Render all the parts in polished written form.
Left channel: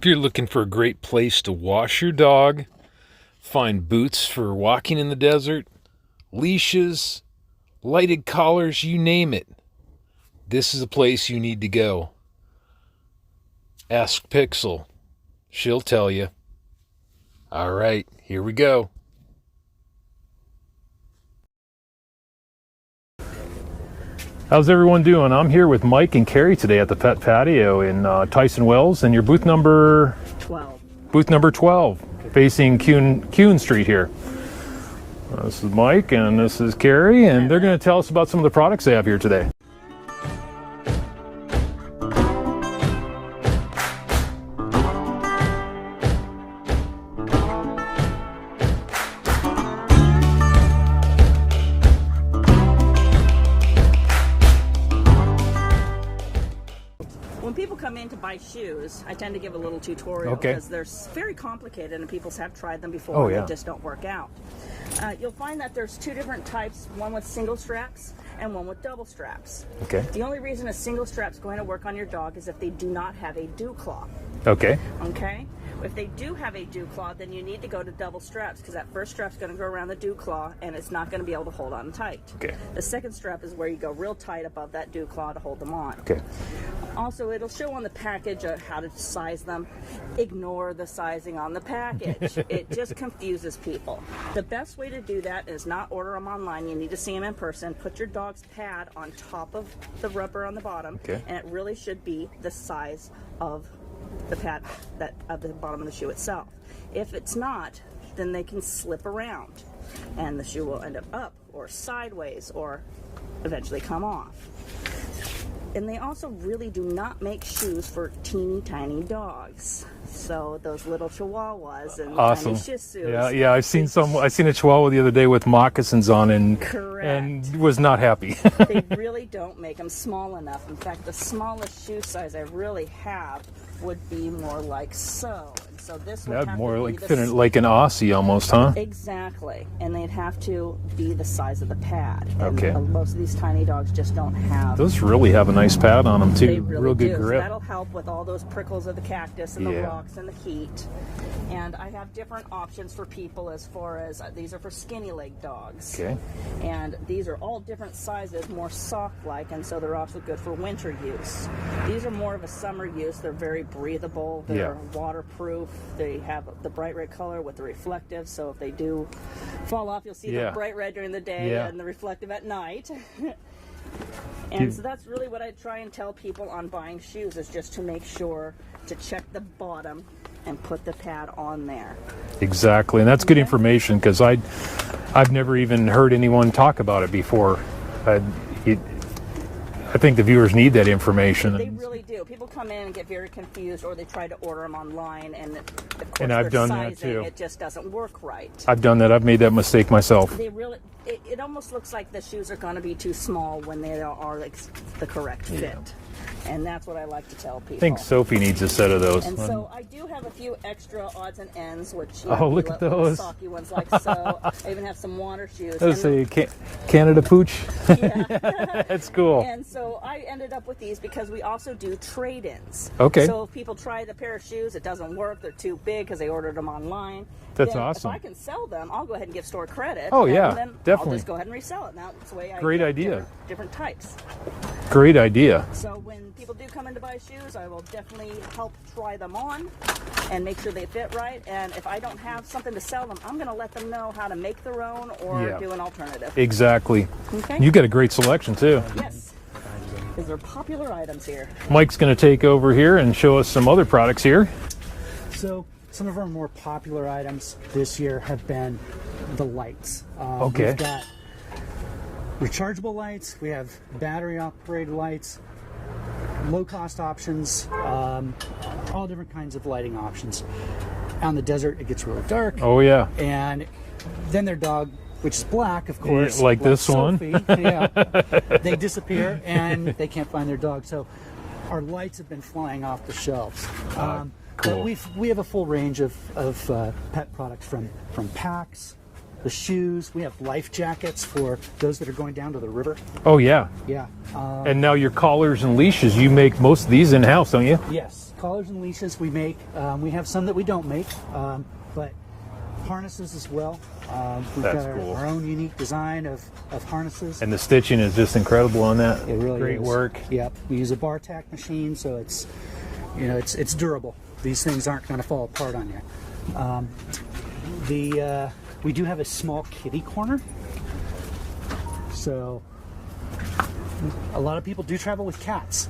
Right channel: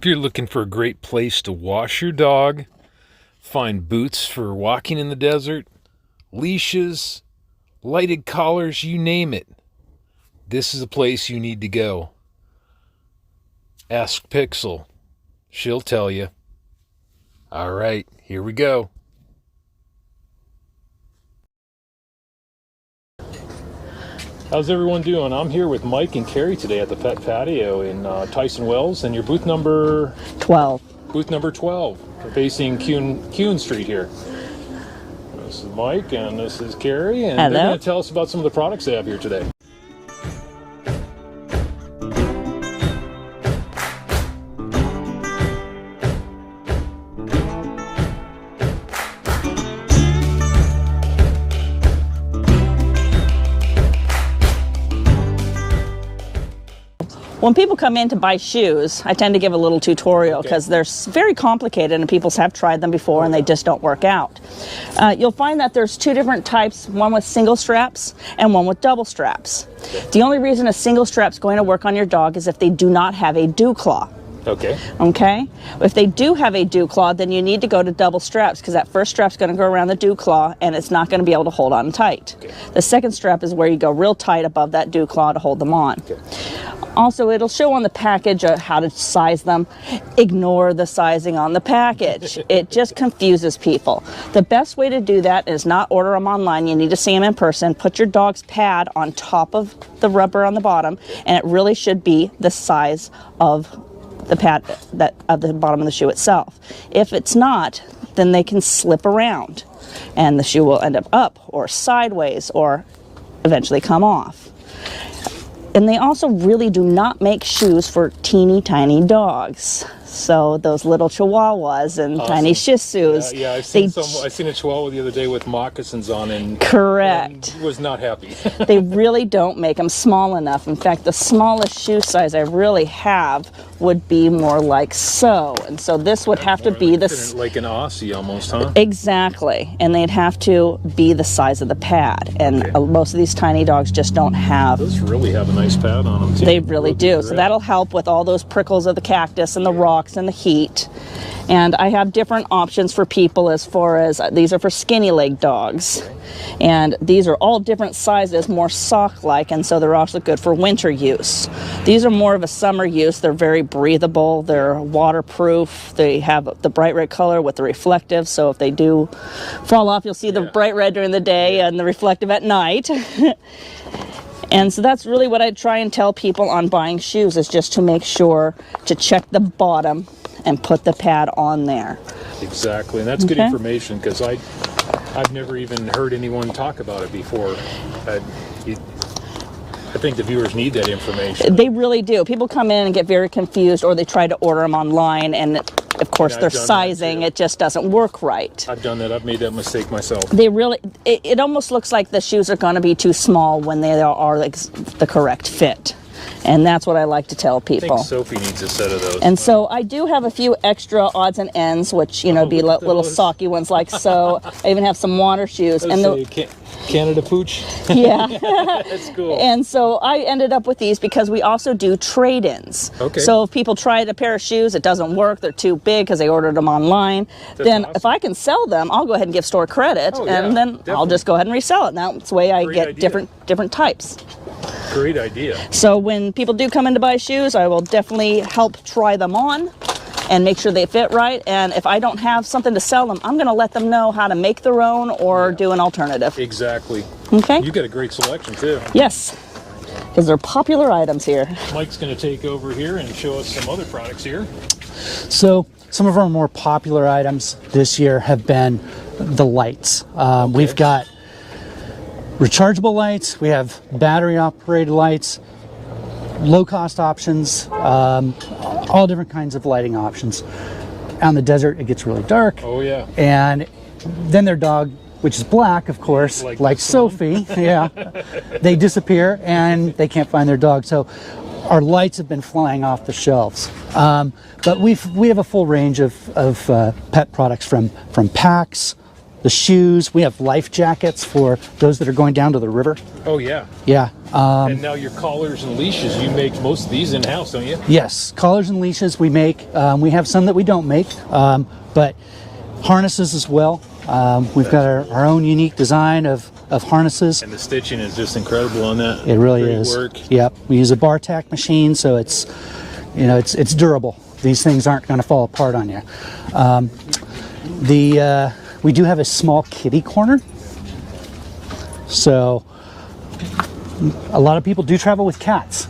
If you're looking for a great place to wash your dog, find boots for walking in the desert, leashes, lighted collars, you name it, this is a place you need to go. Ask Pixel. She'll tell you. All right, here we go. How's everyone doing? I'm here with Mike and Kerry today at the Pet Patio in Tyson Wells, and your booth number 12. Booth number 12, facing Kuhn Street here. This is Mike and this is Kerry, and Hello. They're going to tell us about some of the products they have here today. When people come in to buy shoes, I tend to give a little tutorial because they're very complicated and people have tried them before and they just don't work out. You'll find that there's two different types, one with single straps and one with double straps. The only reason a single strap's going to work on your dog is if they do not have a dew claw. Okay. If they do have a dew claw, then you need to go to double straps because that first strap's going to go around the dew claw and it's not going to be able to hold on tight. The second strap is where you go real tight above that dew claw to hold them on. Also, it'll show on the package how to size them. Ignore the sizing on the package. It just confuses people. The best way to do that is not order them online. You need to see them in person. Put your dog's pad on top of the rubber on the bottom, and it really should be the size of the pad of the bottom of the shoe itself. If it's not, then they can slip around, and the shoe will end up or sideways or eventually come off. And they also really do not make shoes for teeny tiny dogs. So those little Chihuahuas and tiny Shih Tzus. Yeah, I've seen a Chihuahua the other day with moccasins on and was not happy. They really don't make them small enough. In fact, the smallest shoe size I really have would be more like so. And so this would have to be like an Aussie almost, huh? Exactly. And they'd have to be the size of the pad. And most of these tiny dogs just don't have. Those really have a nice pad on them too. They really do. So that'll help with all those prickles of the cactus and the rocks and the heat. And I have different options for people as far as these are for skinny leg dogs. And these are all different sizes, more sock-like, and so they're also good for winter use. These are more of a summer use. They're very breathable. They're waterproof. They have the bright red color with the reflective, so if they do fall off, you'll see the bright red during the day and the reflective at night. And so that's really what I try and tell people on buying shoes is just to make sure to check the bottom and put the pad on there. Exactly, and that's good information because I've never even heard anyone talk about it before. I think the viewers need that information. They really do. People come in and get very confused, or they try to order them online, and of course their sizing, it just doesn't work right. I've done that. I've made that mistake myself. They really, it almost looks like the shoes are going to be too small when they are like the correct fit. And that's what I like to tell people. I think Sophie needs a set of those. And so I do have a few extra odds and ends, which, you know, be little socky ones like so. I even have some water shoes. And so Canada Pooch? Yeah. That's cool. And so I ended up with these because we also do trade-ins. Okay. So if people tried a pair of shoes, it doesn't work, they're too big because they ordered them online, then if I can sell them, I'll go ahead and give store credit, and then I'll just go ahead and resell it. And that's the way I get different types. Great idea. So when people do come in to buy shoes, I will definitely help try them on and make sure they fit right. And if I don't have something to sell them, I'm going to let them know how to make their own or do an alternative. Exactly. Okay. You got a great selection too. Yes, because they're popular items here. Mike's going to take over here and show us some other products here. So some of our more popular items this year have been the lights. We've got rechargeable lights, we have battery operated lights, low cost options, all different kinds of lighting options. Out in the desert it gets really dark. Oh yeah. And then their dog, which is black of course, like Sophie, they disappear and they can't find their dog. So our lights have been flying off the shelves. But we have a full range of pet products from packs, the shoes. We have life jackets for those that are going down to the river. Oh, yeah. Yeah. And now your collars and leashes, you make most of these in-house, don't you? Yes, collars and leashes we make. We have some that we don't make, but harnesses as well. We've got our own unique design of harnesses. And the stitching is just incredible on that. It really Great is. work. Yep. We use a bar tack machine, so it's, you know, it's durable. These things aren't going to fall apart on you. We do have a small kitty corner. So a lot of people do travel with cats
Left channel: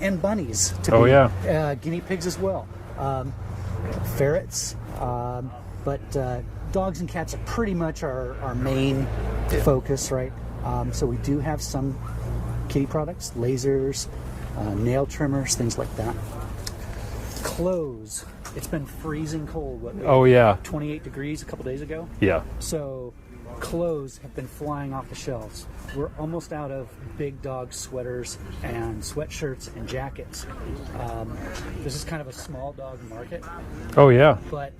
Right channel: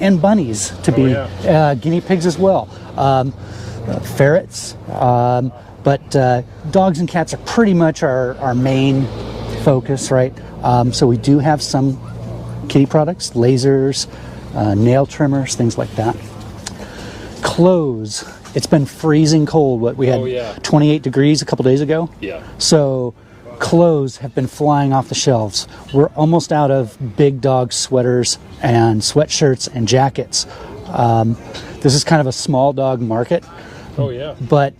and bunnies to be guinea pigs as well. Ferrets. But dogs and cats are pretty much our main focus, right? So we do have some kitty products, lasers, nail trimmers, things like that. Clothes. It's been freezing cold. We had 28 degrees a couple days ago. Yeah. So clothes have been flying off the shelves. We're almost out of big dog sweaters and sweatshirts and jackets. This is kind of a small dog market. Oh, yeah. But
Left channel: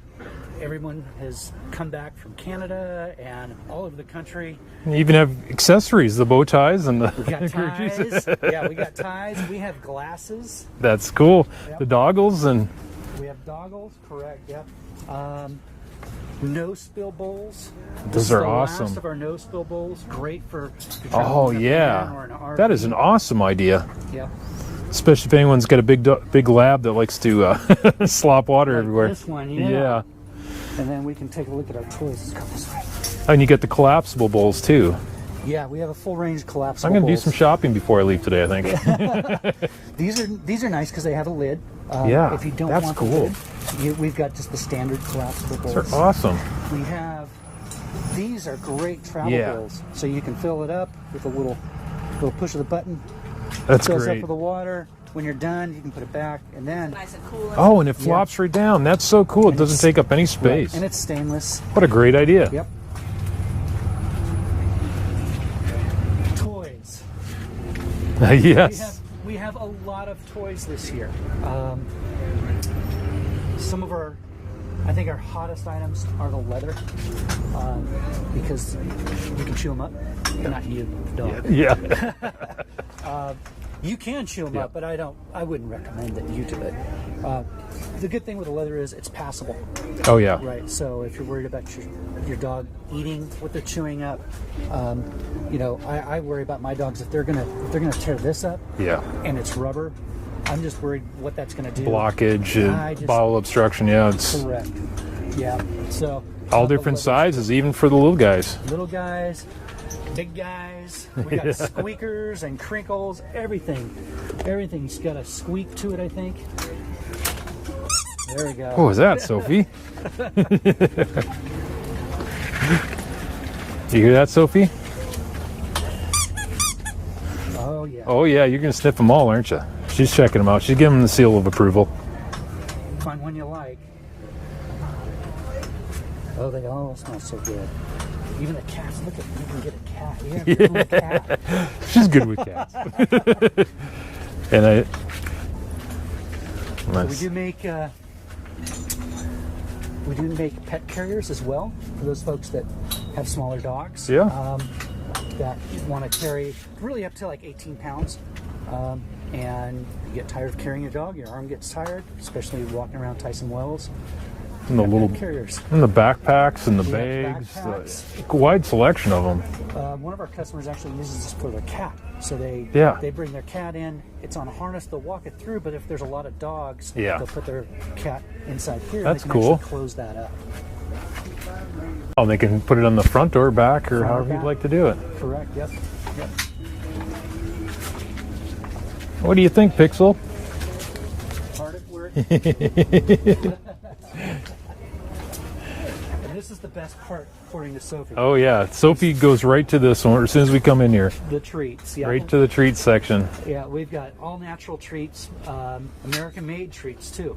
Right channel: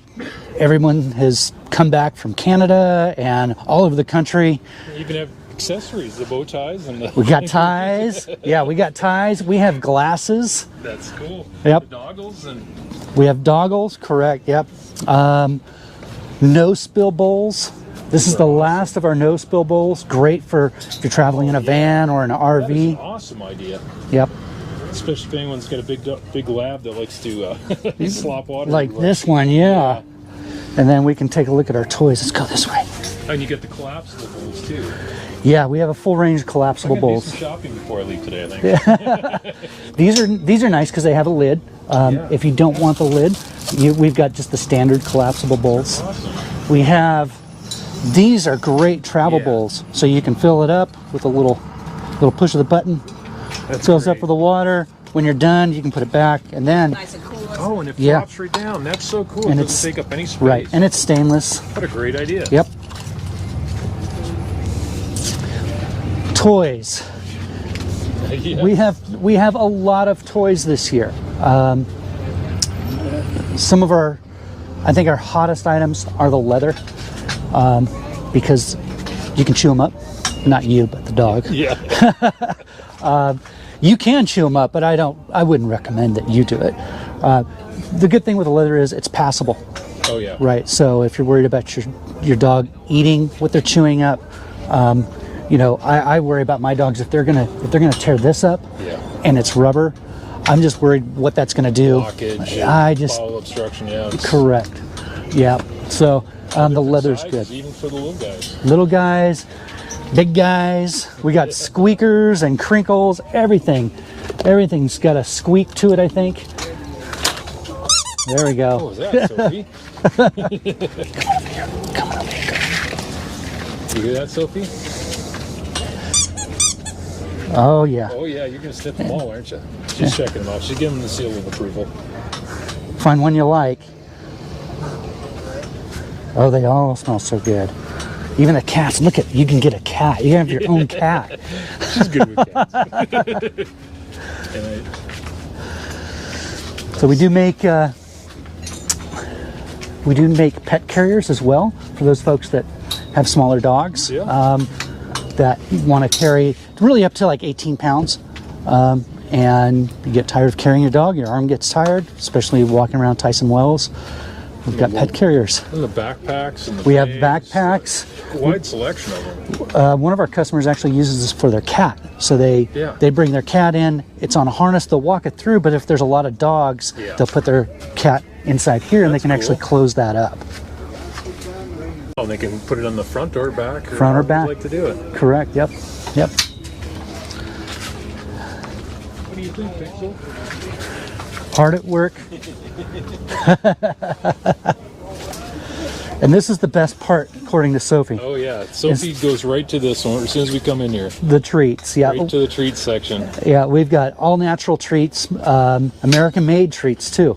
everyone has come back from Canada and all over the country. You even have accessories, the bow ties and the... We got ties. Yeah, we got ties. We have glasses. That's cool. Yep. The doggles and... We have doggles, correct, yep. No spill bowls. This is the last of our no spill bowls. Great for if you're traveling in a van or an RV. That is an awesome idea. Yep. Especially if anyone's got a big lab that likes to slop water like everywhere. This one, yeah. And then we can take a look at our toys. Let's go this way. And you get the collapsible bowls too. Yeah, we have a full range of collapsible I'm gonna bowls. do some shopping before I leave today, I think. These are nice because they have a lid. If you don't want the lid, we've got just the standard collapsible bowls. They're awesome. We have, these are great travel bowls. So you can fill it up with a little push of the button. That's fills great. up with the water. When you're done, you can put it back, and then Nice and cool. Oh, and it flops right down. That's so cool. It doesn't take up any space. Right, and it's stainless. What a great idea. Yep. Toys. Yes. We have a lot of toys this year. Some of our hottest items are the leather, because you can chew them up. Not you, but the dog. Yeah. You can chew them up, but I wouldn't recommend that you do it. The good thing with the leather is it's passable. Oh yeah. Right. So if you're worried about your dog eating what they're chewing up, you know, I worry about my dogs if they're gonna tear this up. Yeah. And it's rubber. I'm just worried what that's gonna do. Blockage. And bowel obstruction. Yeah. Correct. Yeah. So all the different leather's sizes, good. even for the little guys. Little guys, big guys. We got squeakers and crinkles. Everything's got a squeak to it, I think. There we go. What was that, Sophie? Come on, You hear that, Sophie? Oh yeah. Oh yeah, you're gonna sniff them all, aren't you? She's checking them out. She's giving them the seal of approval. Find one you like. Oh, they all smell so good. Even the cats. Look you can get a cat. You can have your own cat. She's good with cats. And So we do make pet carriers as well for those folks that have smaller dogs. Yeah. That want to carry really up to like 18 pounds. And you get tired of carrying your dog, your arm gets tired, especially walking around Tyson Wells. We've got pet carriers. And the backpacks and the We have bags, backpacks. Wide selection of them. One of our customers actually uses this for their cat. So they bring their cat in. It's on a harness. They'll walk it through. But if there's a lot of dogs, they'll put their cat inside here, and they can actually close that up. Oh, they can put it on the front or back, or front or back. You'd like to do it. Correct. Yep. Yep. What do you think, Pixel? Hard at work. And this is the best part, according to Sophie. Oh yeah, Sophie goes right to this one as soon as we come in here. The treats, yeah. Right to the treats section. Yeah, we've got all natural treats, American-made treats too.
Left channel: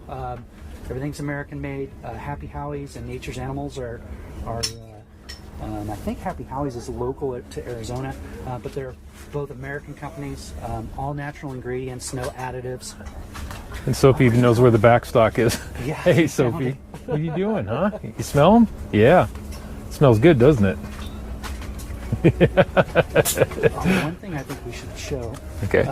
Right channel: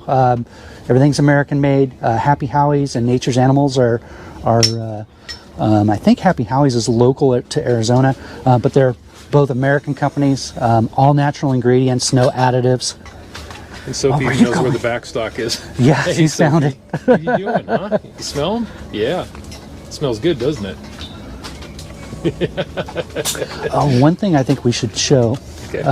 Everything's American-made. Happy Howie's and Nature's Animals are I think Happy Howie's is local to Arizona, but they're both American companies. All natural ingredients, no additives. And Sophie knows where the backstock is. Yeah, she found it. What are you doing, huh? You smell them? Yeah. Smells good, doesn't it? One thing I think we should show. Okay.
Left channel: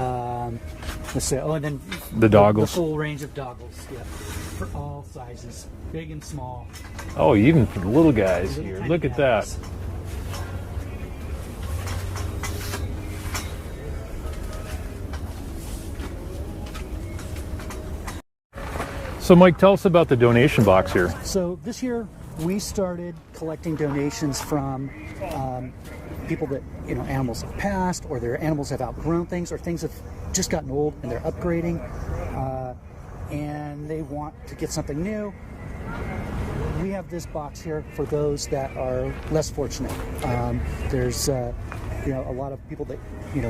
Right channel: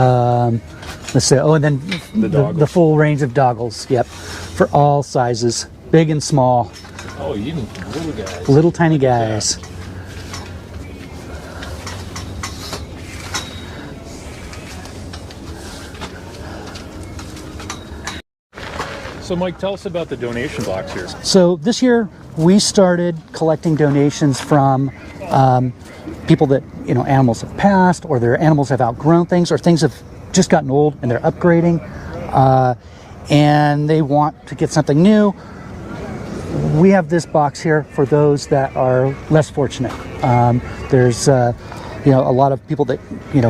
Let's say, and then the doggles. The full range of doggles. Yep, for all sizes, big and small. Oh, even little guys. Little tiny guys. So, Mike, tell us about the donation box here. So this year we started collecting donations from people that, animals have passed, or their animals have outgrown things, or things have just gotten old and they're upgrading, and they want to get something new. We have this box here for those that are less fortunate. There's a lot of people that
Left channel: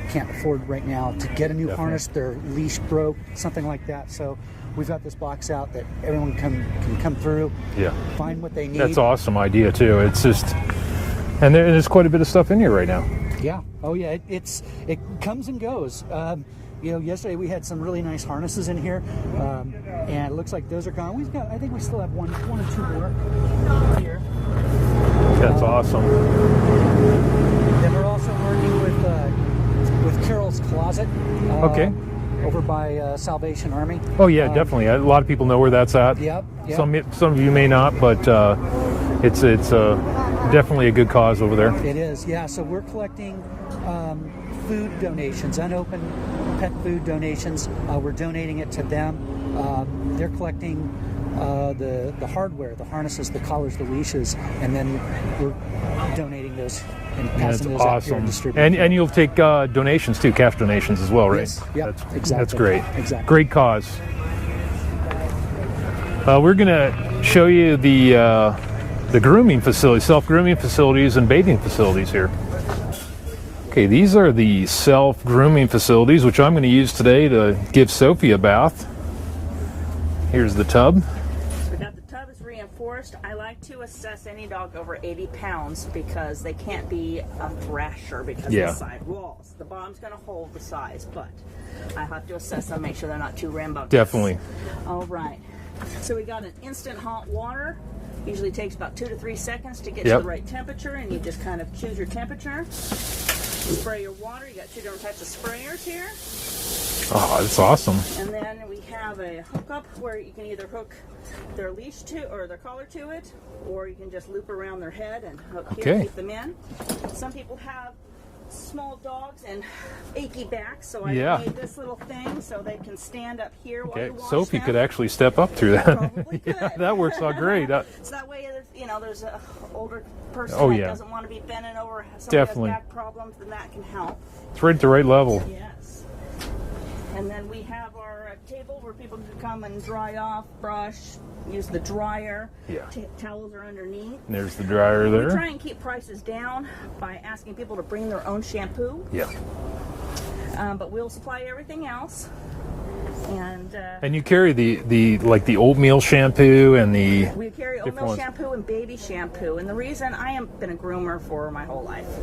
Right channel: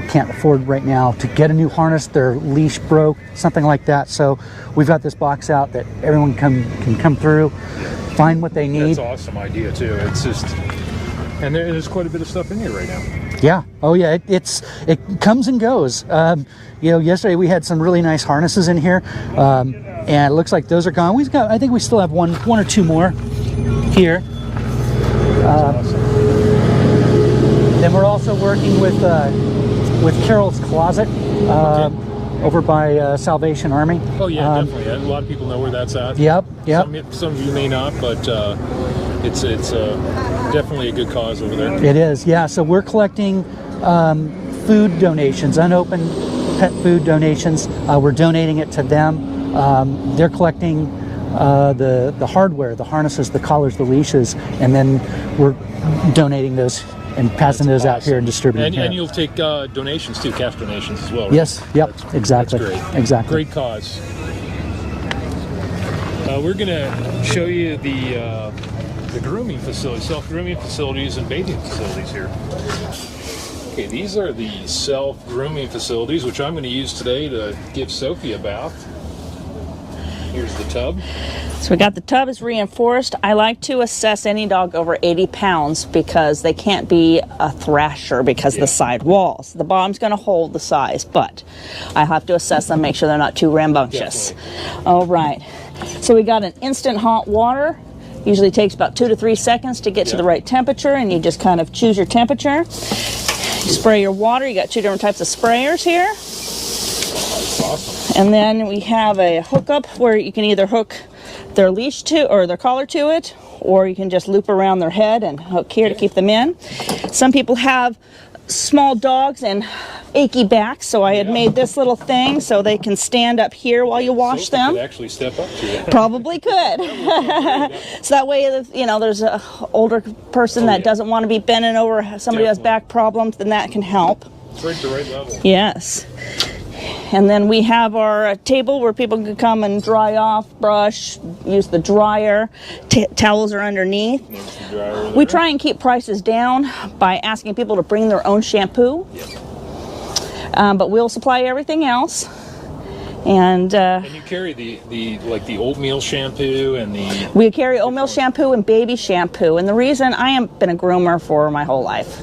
can't afford right now to get a new harness. Their leash broke, something like that. So we've got this box out that everyone can come through, find what they need. That's an awesome idea too. It's just, and there's quite a bit of stuff in here right now. Yeah. Oh yeah. It comes and goes. Yesterday we had some really nice harnesses in here, and it looks like those are gone. I think we still have one or two more here. That's awesome. Then we're also working with Carol's Closet over by Salvation Army. Oh yeah, definitely. A lot of people know where that's at. Yep. Some of you may not, but it's definitely a good cause over there. It is. Yeah. So we're collecting food donations, unopened pet food donations. We're donating it to them. They're collecting the hardware, the harnesses, the collars, the leashes, and then we're donating those and passing those out here and distributing. And you'll take donations too, cash donations as well, right? Yes. Yep. Exactly. That's great. Exactly. Great cause. We're going to show you the grooming facilities, self-grooming facilities and bathing facilities here. Okay, these are the self-grooming facilities, which I'm going to use today to give Sophie a bath. Here's the tub. So we got the tub is reinforced. I like to assess any dog over 80 pounds because they can't be a thrasher because of the side walls. The bottom's going to hold the size, but I have to assess them, make sure they're not too rambunctious. Definitely. All right. So we got an instant hot water. Usually takes about 2 to 3 seconds to get to the right temperature, and you just kind of choose your temperature. You spray your water. You got 2 different types of sprayers here. Oh, that's awesome. And then we have a hookup where you can either hook their leash to or their collar to it, or you can just loop around their head and hook here to keep them in. Some people have small dogs and achy backs, so I have made this little thing so they can stand up here while you wash Sophie them. could actually step up through that. Probably could. That works out great. So that way, there's a older person that doesn't want to be bending over somebody who has back problems, then that can help. It's right at the right level. Yes. And then we have our table where people can come and dry off, brush, use the dryer. Towels are underneath. There's the dryer there. We try and keep prices down by asking people to bring their own shampoo. Yep. But we'll supply everything else. And you carry the oatmeal shampoo and the... We carry oatmeal shampoo and baby shampoo. And the reason, I have been a groomer for my whole life.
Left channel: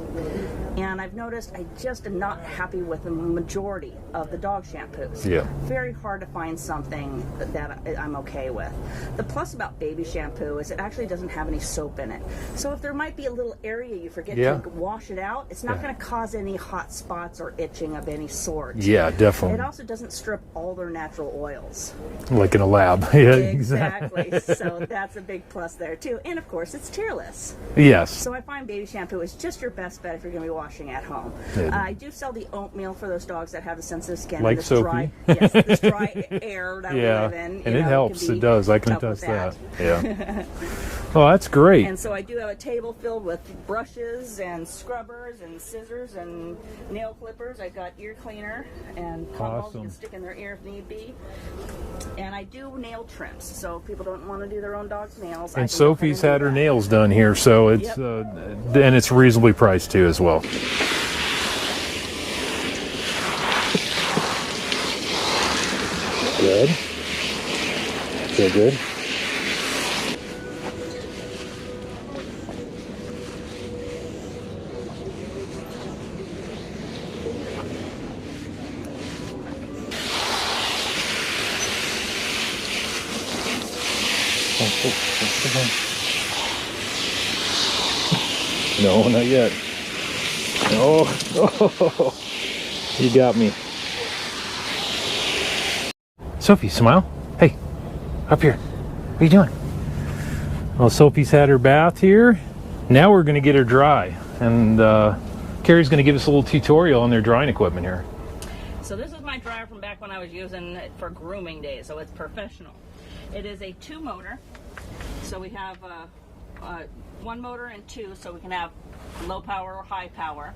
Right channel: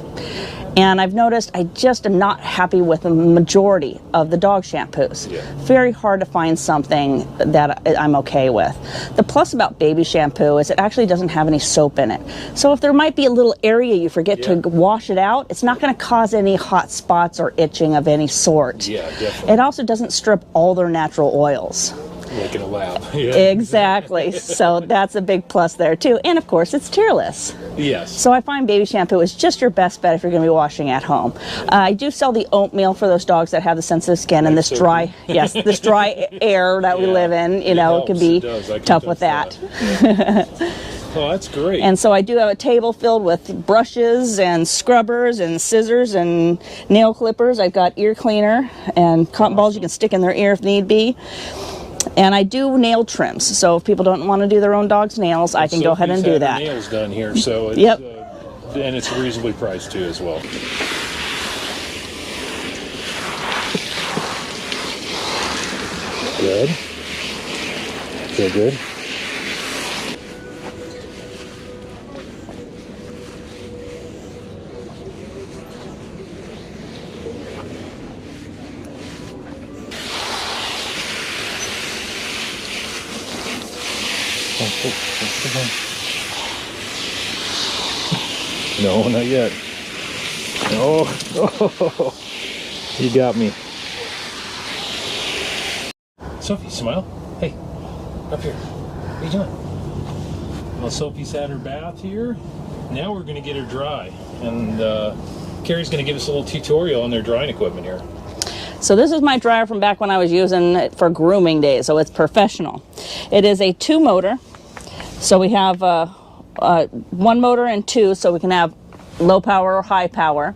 And I've noticed I just am not happy with the majority of the dog shampoos. Yeah. Very hard to find something that I'm okay with. The plus about baby shampoo is it actually doesn't have any soap in it. So if there might be a little area you forget to wash it out, it's not going to cause any hot spots or itching of any sort. Yeah, definitely. It also doesn't strip all their natural oils. Like in a lab. Exactly. So that's a big plus there too. And of course, it's tearless. Yes. So I find baby shampoo is just your best bet if you're going to be washing at home. I do sell the oatmeal for those dogs that have the sensitive skin like and this Sophie. dry, this dry air that we live in. It can be tough with that. Yeah. Oh, that's great. And so I do have a table filled with brushes and scrubbers and scissors and nail clippers. I've got ear cleaner and cotton balls you can stick in their ear if need be. And I do nail trims, so if people don't want to do their own dog's nails, I can go ahead and do that. Sophie's had her nails done here, so it's and it's reasonably priced too as well. Good. Feel good. No, not yet. Oh, you got me. Sophie, smile. Hey, up here. What are you doing? Well, Sophie's had her bath here. Now we're going to get her dry. And Kerry's going to give us a little tutorial on their drying equipment here. So this is my dryer from back when I was using it for grooming days, so it's professional. It is a 2-motor. So we have 1 motor and 2, so we can have low power or high power.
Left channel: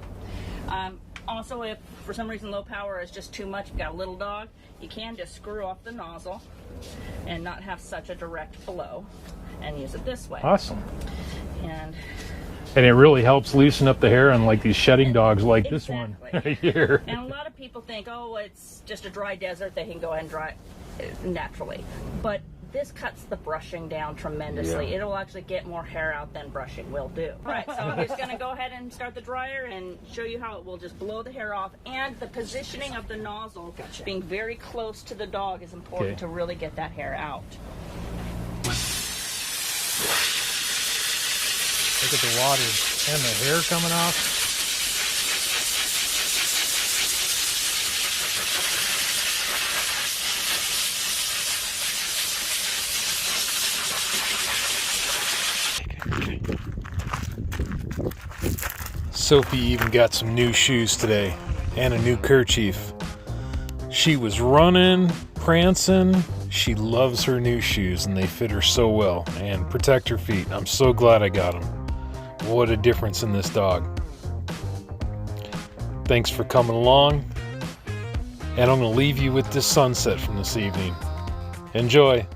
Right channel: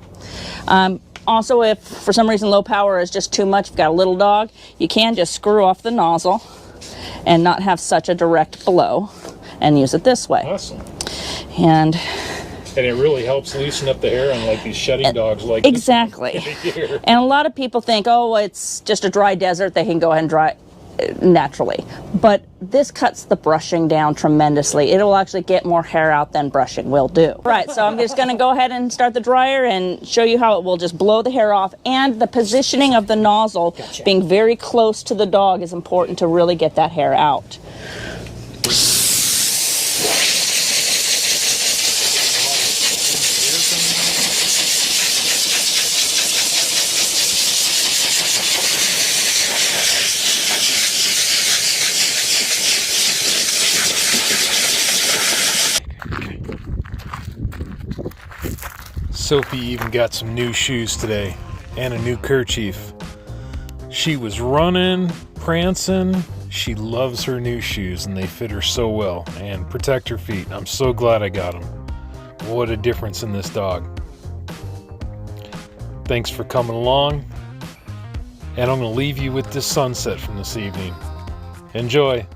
Also, if for some reason low power is just too much, you've got a little dog, you can just screw off the nozzle and not have such a direct flow and use it this way. Awesome. And it really helps loosen up the hair on like these shedding dogs like exactly. This one. And a lot of people think, oh, it's just a dry desert, they can go ahead and dry naturally. But this cuts the brushing down tremendously. It will actually get more hair out than brushing will do. Right, so I'm just going to go ahead and start the dryer and show you how it will just blow the hair off, and the positioning of the nozzle being very close to the dog is important to really get that hair out. Look at the water and the hair coming out. Sophie even got some new shoes today and a new kerchief. She was running, prancing. She loves her new shoes and they fit her so well and protect her feet. I'm so glad I got them. What a difference in this dog. Thanks for coming along. And I'm going to leave you with this sunset from this evening. Enjoy.